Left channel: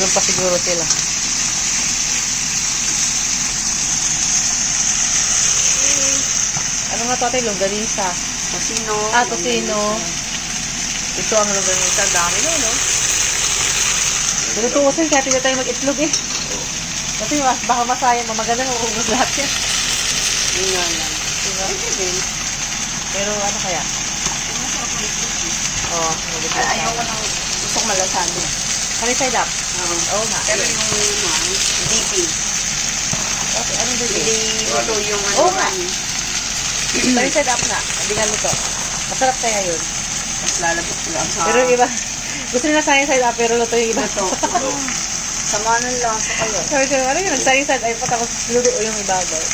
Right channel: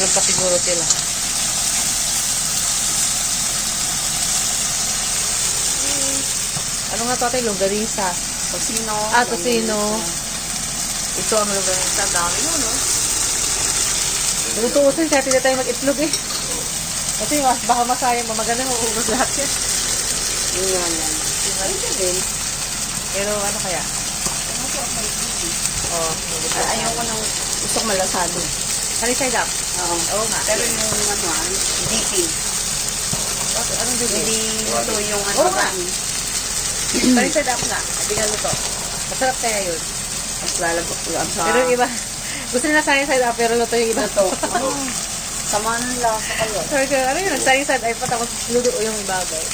Walang pa siguro sila. Ano nga to ate? Longganisa. Tosino. Tosino. Ito ang longganisa. Dami no, no? Tutuusin kaya hindi tayo mag-itlog eh. Kasi baka masayang, mamaganda mauubos lahat yan. Yun yan. Diba? Pero ano kaya? Oo, Ayaw ko ng isang malasado. Honey side up? Oo nga. Pero yung dipping. Okay, anong Hindi dito? ito yung Oo nga. Honey side up nga. Binalo to. Masarap kaya yun. Mas lalabot ko lang sa... Pero yung iba, gusto nila sunny side up pero luto yung iba. Ito. Samanan lang sa kaya. Sabi ko, ano yun? Sunny side up pa tapos luto yung ibabaw.